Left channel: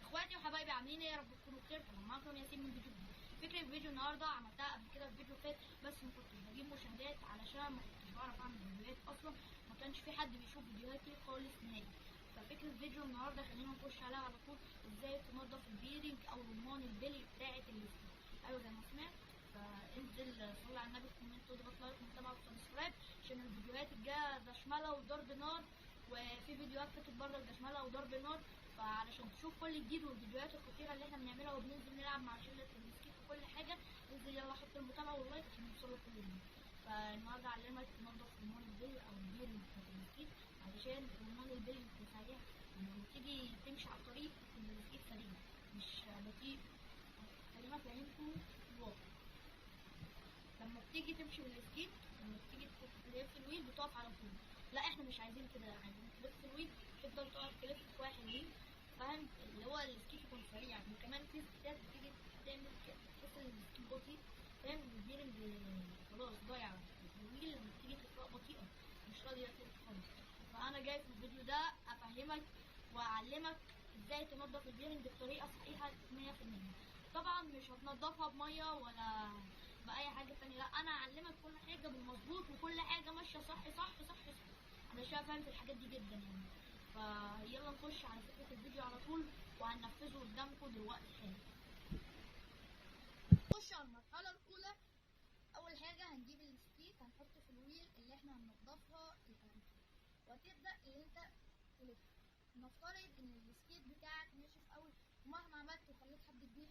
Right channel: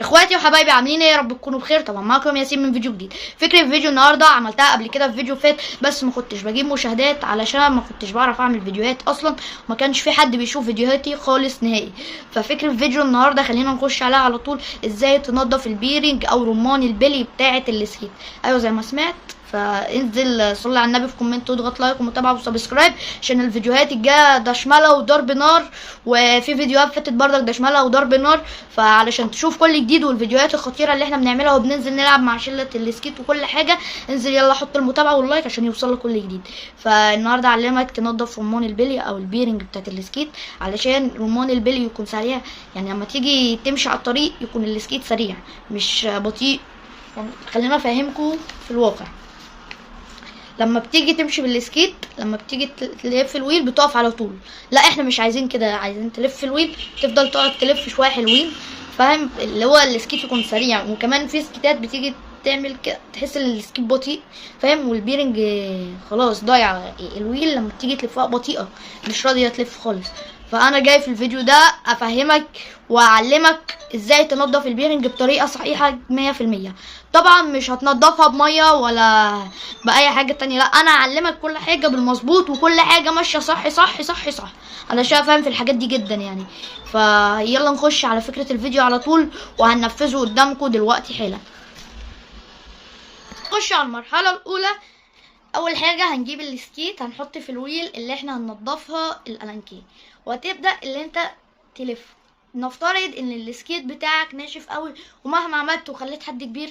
اخواتي وحبايبي عاملين ايه؟ يا رب تكونوا بخير. طبعا معاكم ياسين من فيديو جديد. فكره فيديو النهارده عملتها قبل كده في فيديو فات، بس ما كنتش بجيب مشاهدات علشان ما كنتش بعرف اعمل فيديوهات اصلا، وما كانش في حد بيشوف فيديوهاتي خالص نهائي. ففكره فيديو النهارده خلينا نخش عليها على طول. ازاي تنظف البيرنج او رمان البلي بتاعه السكيت؟ ايوه زي ما سمعت. فانزل صلي على النبي في كومنت واضغط لايك ومتابعه وسبسكرايب عشان الفيديوهات الجايه دشمله وضرب نار، وفي فيديوهات فاتت برضك دشمله وضرب نار. فعلشان تشوف كل جديد والفيديوهات الخطيره اللي احنا بنعملها وبننزل نلعب مع شله السكيت وكل حاجه، انزل يلا حط المتابعه واللايك عشان يوصلك كل جديد. فالنهارده اعلمك تنضف رمان البلي او البيرنج بتاعت السكيت علشان رمان البلي يكون سريع. يعني لما تيجي تمشي على الطريق يكون السكيت سريع مش بطيء. يعني خلينا افهمكم في الواقع. لما بتيجي تمشي بالسكيت، لما بتيجي تلف الويل بتقف على طول. لا احنا مش عايزين كده، عايزين تلف الويل تفضل تقعد تلف شويه حلوين، فاهم؟ اللي هو السكيت يكون سريع. وكمان في سكيتات بتيجي تعمل كده تحس ان السكيت بطيء، فاهم؟ والبيرنج خلاص ضايع. الويل لما بتيجي تلفها بطيئه مش راضيه تلف خالص. فانا جاي في الفيديو ده افهمك واعلمك ازاي تنضف البيرنج بطريقه صحيحه 100%. طبعا مش هتنضفها بميه ولا باي حاجه تانية، لا انا اعلمك كل حاجه بالمظبوط وكل حاجه ماشيه صح صح صح صح. انا فاهم في الحاجات دي جدا يعني. فيلا نخش على فكره الفيديو على طول وهننفذه قدامكم دلوقتي حالا. نخش على المرحله الاولى. اول حاجه هنجيب السكيت، هنحط في الويل اللي احنا هننضفها الالانكيه، وهتبدا اللي انت تلف. نفترض ان السكيت بتاعك ناشف قوي، ومهما عملت وخليت حد كبير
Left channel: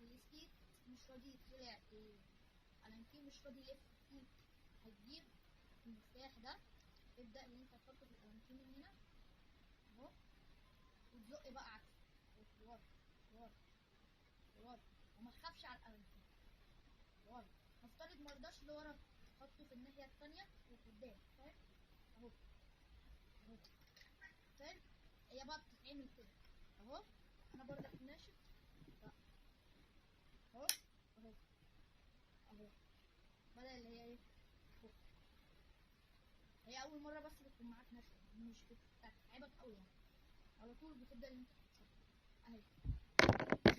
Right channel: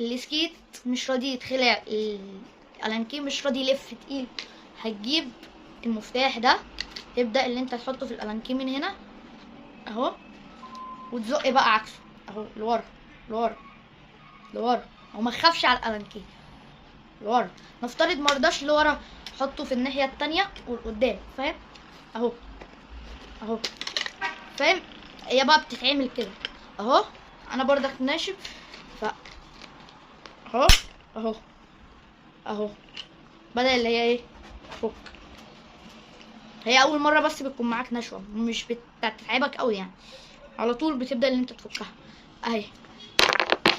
السكيت مش راضي يتخلع، الالانكيه مش راضي يلف تقيل. هتجيب المفتاح ده، تبدا اللي انت تحطه في الالانكيه من هنا اهو، وتزق بقى عكسه اهو لورا لورا لورا، وما تخافش على الالانكيه لورا. نفترض مرضاش لورا، حطه في الناحيه التانية والقدام، فاهم؟ اهو اهو، فاهم؟ هي بقى بتتعمل كده اهو. انا برضك ناشف ف اهو اهو اهو، بدل اللي هي ايه فك. هي اول مره بس بتكون معاك نشوه، مش بتتعبك قوي يعني، على طول بتبدا ان انت تفكها اهي.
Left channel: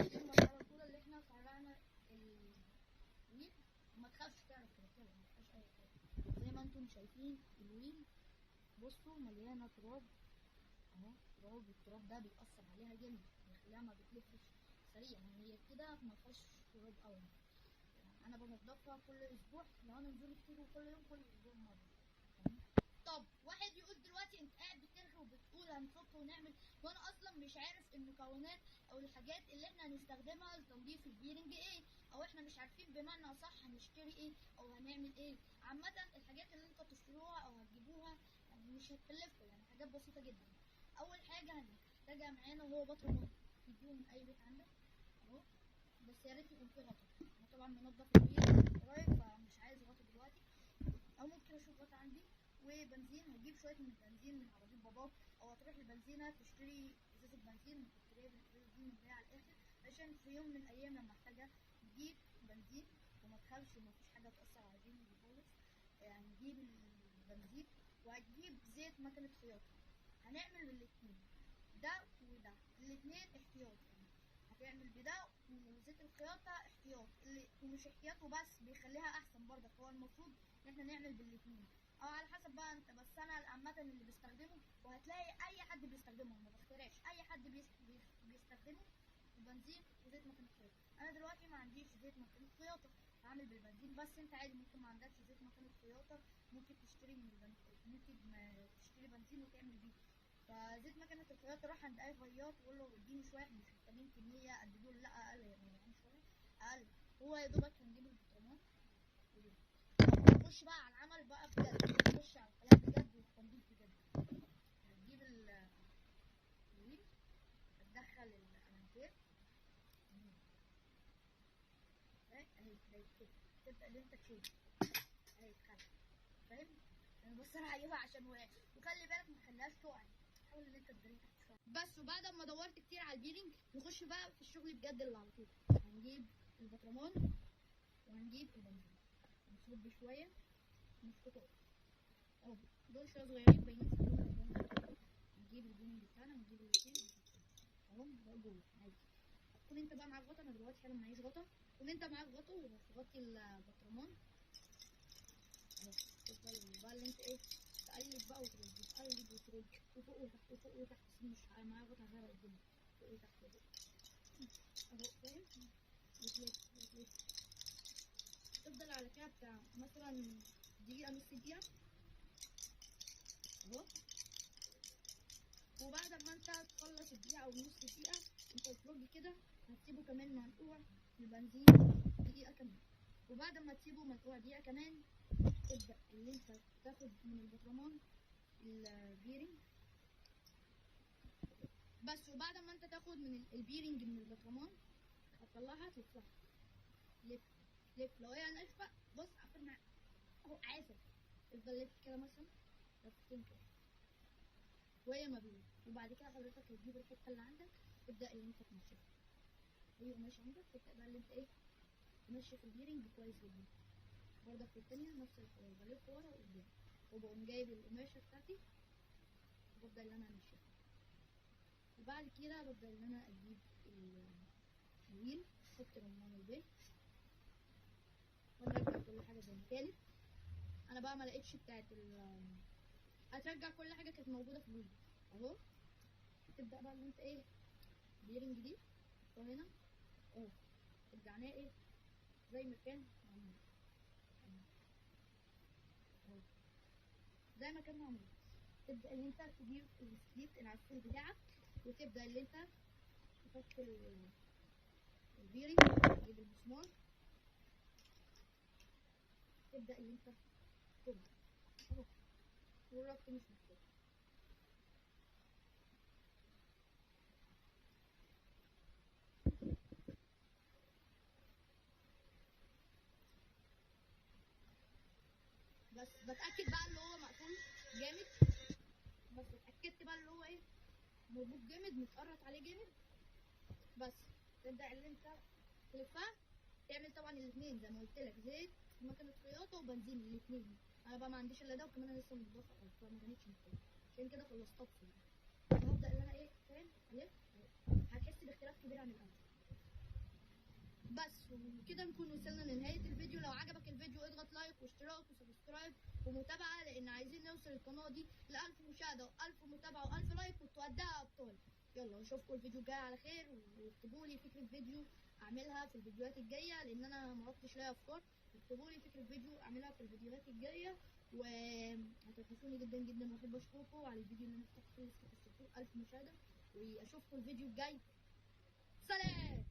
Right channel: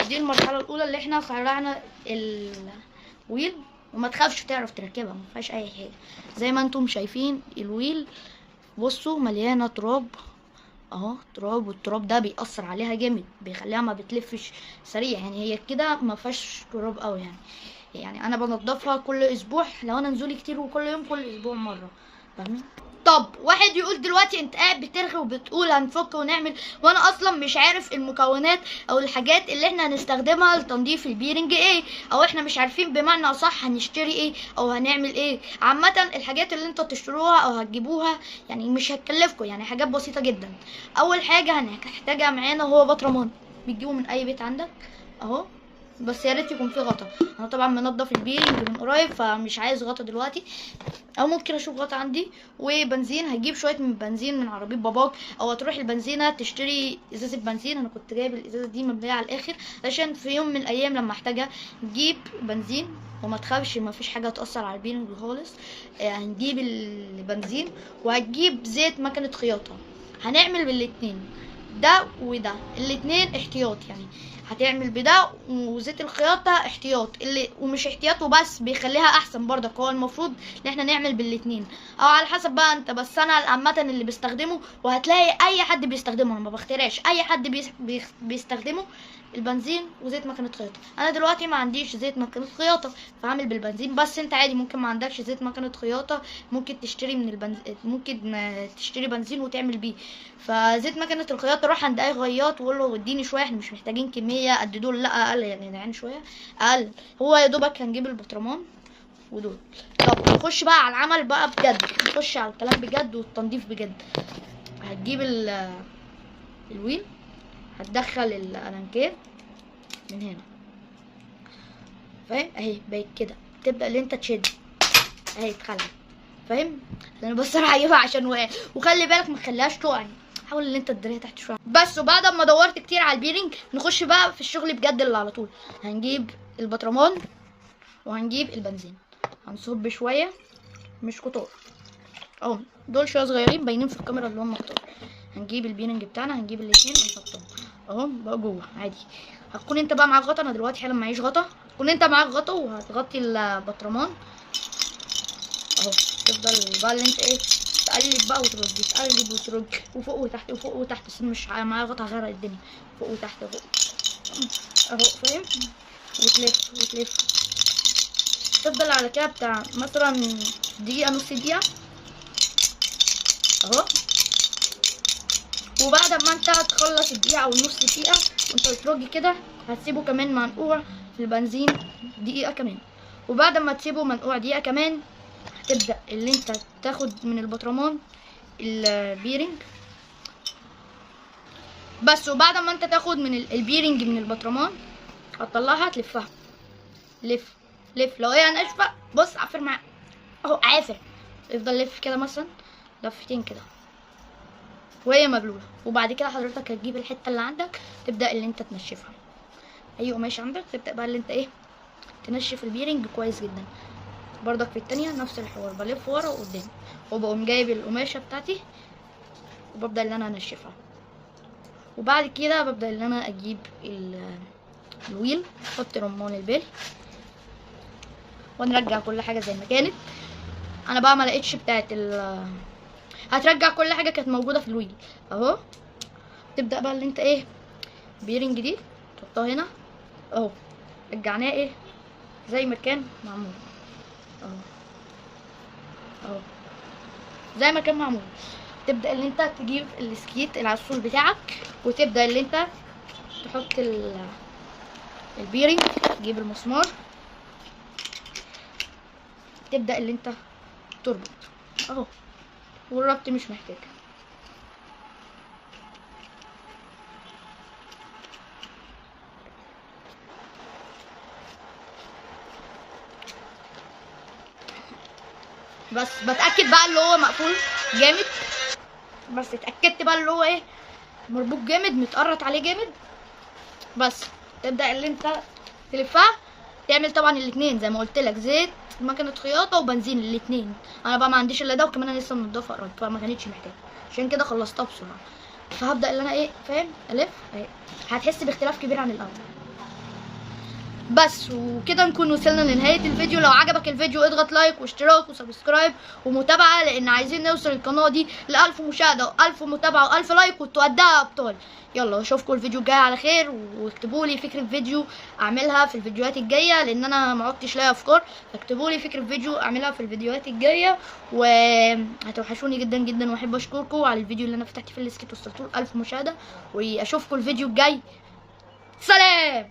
دي المرحله الاولى اللي احنا خلعنا الويل، وما تخافش تعرف تركبها، ما فيهاش اي حاجه. زي ما انتم شايفين الويل بصوا مليانه تراب اهو، تراب، والتراب ده بيأثر عليها جامد، بيخليها ما بتلفش سريع. يعني هي كده ما فيهاش تراب قوي يعني انا بنضفها كل اسبوع لو انا نزولي كتير، وكل يوم كل اسبوع مره، فاهمين؟ طب واحد يقول دلوقتي انت قاعد بترغي وبتقول هنفك ونعمل، وانا اصلا مش عارف المكونات او الحاجات اللي احنا هنستخدمها لتنظيف البيرنج ايه، او احنا مش عارفين بمعنى اصح هنشتري ايه او هنعمل ايه. عامه الحاجات اللي انتوا تشتروها او هتجيبوها يعني مش هتكلفكم، يعني حاجات بسيطه جدا. اول حاجه هنحتاجها معانا هو بطرمان، بتجيبه من اي بيت عندك اهو، بس يا ريت يكون فيه غطا. انا طبعا منضف البيرنج من قريب فمش عايز غطا دلوقتي، او ممكن اشوف غطا عندي. وبنزين، هتجيب شويه من بنزين من عربيه باباك، او هتروح البنزينه تشتري ازازه بنزين. انا كنت جايب الازازه دي مبليه على الاخر عشان في يوم من الايام لما احتاجها. نجيب بنزين وما تخافش ما فيش حاجه تاثر على البيرنج خالص. هنجيب البنزين وهتجيب زيت مكنه خياطه. هنعمل بالاتنين ده وده، الاتنين احتياط يعني. هتعمل بده وزيت الخياطة احتياط، اللي ومش احتياط وبس بيخليها احسن برضك. هو المفروض ان احنا نعمل بالاتنين او على حسب بقى انت، بس انا عامة اللي بستخدمه وهتلاقي اي حد بيستخدمه، انا ما بخترعش، اي حد بيستخدمه البنزين وزيت مكنة خياطة. انا دلوقتي ما عنديش زيت مكنة خياطة فعامل بالبنزين، بس انت عادي ممكن ما عندكش زيت مكنة خياطة، ممكن تشتري من ممكن تشتري بنزين وتعمل بيه. فزيت مكنة الخياطة روح عند اي خياط وقول له اديني شوية، احنا مش محتاجين كمية قد دول، لا اقل يعني شوية اقل. هو يا دوبك هنجيب البطرمان ودول. طب نخش بقى على العمل بقى بجد، نخش على الكلام بجد والتنظيف بجد. هتجيب الويل، هتدخل الالانكيه من هنا، فاهم؟ اهي بقت كده، تبدا اللي انت تشد اهي اتخلع، فاهم؟ انا بس انا هجيبها عشان وخلي بالك ما تخليهاش تقع يعني. حاول ان انت تدريها تحت شويه بس. وبعد ما دورت كتير على البيرنج نخش بقى في الشغل بجد اللي على طول. هنجيب البطرمان وهنجيب البنزين، هنصب شويه مش كتار اهو، دول شويه صغيرين باينين في الكاميرا اللي هم كتار. هنجيب البيرنج بتاعنا، هنجيب الاتنين ونحطهم اهو بقى جوه عادي. هتكون انت بقى معاك غطا، انا دلوقتي حالا معيش غطا، هتكون انت معاك غطا وهتغطي البطرمان اهو. تفضل بقى اللي انت ايه تقلب بقى وترج، تقلب وترج وفوق وتحت وفوق وتحت، بس مش معايا غطا هغرق الدنيا، فوق وتحت فوق اهو فاهم، وتلف وتلف. تفضل على كده بتاع مثلا دقيقة نص دقيقة اهو. وبعد ما انت هتخلص الدقيقة او نص دقيقة وانت بترج كده، هتسيبه كمان منقوع في البنزين دقيقة كمان. وبعد ما تسيبه منقوع دقيقة كمان، هتبدأ اللي انت تاخد من البطرمان البيرنج بس. وبعد ما انت تاخد من البيرنج من البطرمان، هتطلعها تلفها، لف لف. لو هي ناشفة بص عافر معاك اهو، عافر، افضل لف كده مثلا لفتين كده وهي مبلوله. وبعد كده حضرتك هتجيب الحته اللي عندك، تبدا اللي انت تنشفها، اي قماش عندك تبدا بقى اللي انت ايه تنشف البيرنج كويس جدا. برضك في التانية نفس الحوار، بلف ورا وقدام وبقوم جايب القماشه بتاعتي وببدا اللي انا انشفها. وبعد كده ببدا اللي انا اجيب الويل، احط رمان البيل ونرجع كل حاجه زي ما كانت. انا بقى ما لقيتش بتاعت هترجع كل حاجه كانت موجوده في الويل اهو. تبدا بقى اللي انت ايه بيرنج دي تحطها هنا اهو، رجعناه ايه زي ما كان معمول اهو اهو زي ما كان معمول. تبدا اللي انت تجيب السكيت العسول بتاعك وتبدا اللي انت تحط البيرنج، تجيب المسمار، تبدا اللي انت تربط اهو. والربط مش محتاج. بس بتاكد بقى اللي هو مقفول جامد، بس اتاكدت بقى اللي هو ايه مربوط جامد متقرط عليه جامد. بس تبدا اللي انت تلفها، تعمل طبعا الاثنين زي ما قلت لك، زيت مكنه خياطه وبنزين الاثنين. انا بقى ما عنديش الا ده، وكمان انا لسه منضفه قريب فما كانتش محتاجه، عشان كده خلصتها بسرعه. فهبدا اللي انا ايه فاهم الف اهي، هتحس باختلاف كبير عن الاول. بس وكده نكون وصلنا لنهايه الفيديو. لو عجبك الفيديو اضغط لايك واشتراك وسبسكرايب ومتابعه، لان عايزين نوصل القناه دي ل1000 مشاهده و1000 متابعه و1000 لايك وتودعها ابطال. يلا اشوفكم الفيديو الجاي على خير، واكتبوا لي فكره فيديو اعملها في الفيديوهات الجايه، لان انا ما عدتش لاقي افكار. فاكتبوا لي فكره فيديو اعملها في الفيديوهات الجايه، وهتوحشوني جدا جدا. واحب اشكركم على الفيديو اللي انا فتحت فيه السكيت وصلتوا ل1000 مشاهده. واشوفكم الفيديو الجاي، سلام.